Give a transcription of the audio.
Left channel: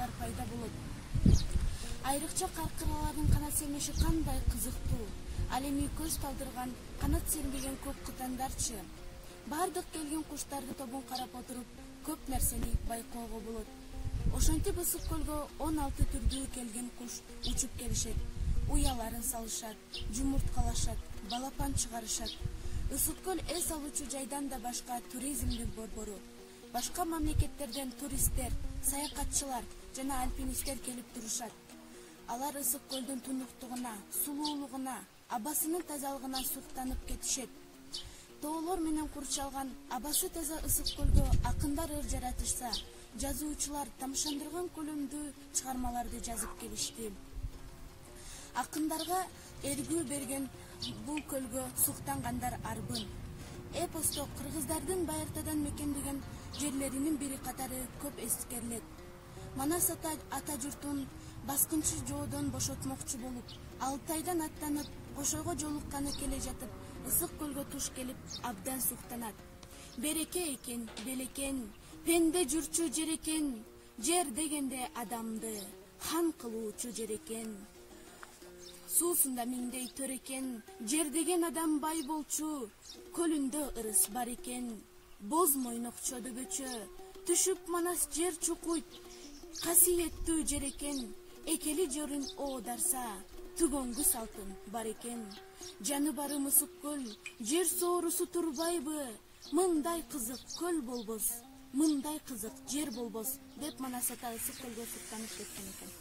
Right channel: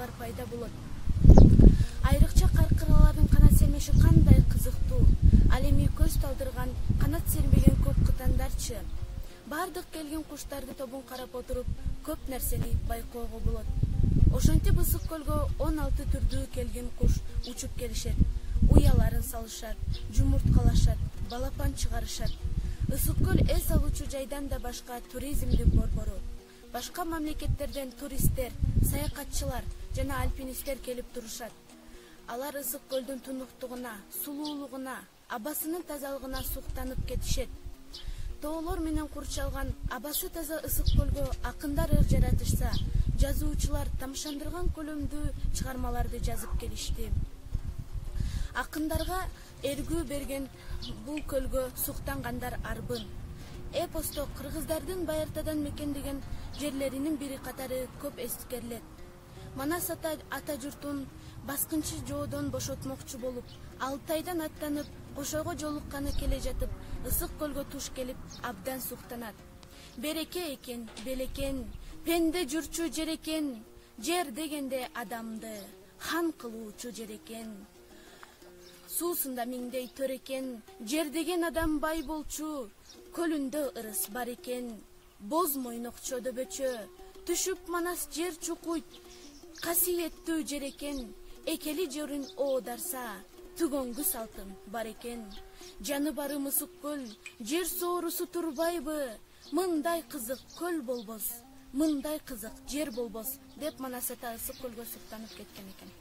суучулар пайда болот. Айрыкча каркыралардын канат сермеши кандай кызыктуу. Ал эми көз талдырган канат сермеген көк кытандарчы. Бардык келген куштардын тобун карап отуруп, көп нерсени байкоого болот. Ошентип Ысык көлгө 16 түрдүү келген куш учуп келишет. Уяларын салышат, жумурткалашат, балапан чыгарышат. Ысык көл эс алуучу жайдан да башка туризмдик борбору. Башка мамлекеттерден туристтер, саякатчылар жана альпинисттер келип турушат. Алар Ысык көлдүн тунуктугуна, сулуулугуна, абасынын тазалыгына суктанып кетишет. Тоолор менен курчалган абасы таза Ысык көлгө акындар ыр жаратышса, жазуучулар тамшандырган көлөмдүү чыгармаларды жазып келишти. Акындарга эргүү берген бул көлгө суктангандар арбын. Эпосто кыргыздардын Байыртадан мекендеген жерлеринин бири катары көп эскерилет. Манас ата журтун баскынчы жоодон бошотмокчу болуп, Алтайдан аттанып, Кошойго жолукканы келе жатып, Ысык көлгө туш келип, абдан суктанат. Береке экен, белекен, пенде жүрчү жер экен, жер дегенде адамды хан кылуучу жер экен. Суусунда миңдей төр экен, жер деген адам бай болчу, көлүндө ырыс бар экен. Боз мойнок чөдөбөчө, түшүп манас жер чукуйт, касиеттүү жер экен. Экели жөрүн оодарса, түгөнгү салтын бар экен. Жаны барым Ысык көл, жер соорусу турбайбы? Мындай кызык көл болбос, мындай кызык жер болбос, деп Манас ата Ысык көлгө суктанып кеткен экен.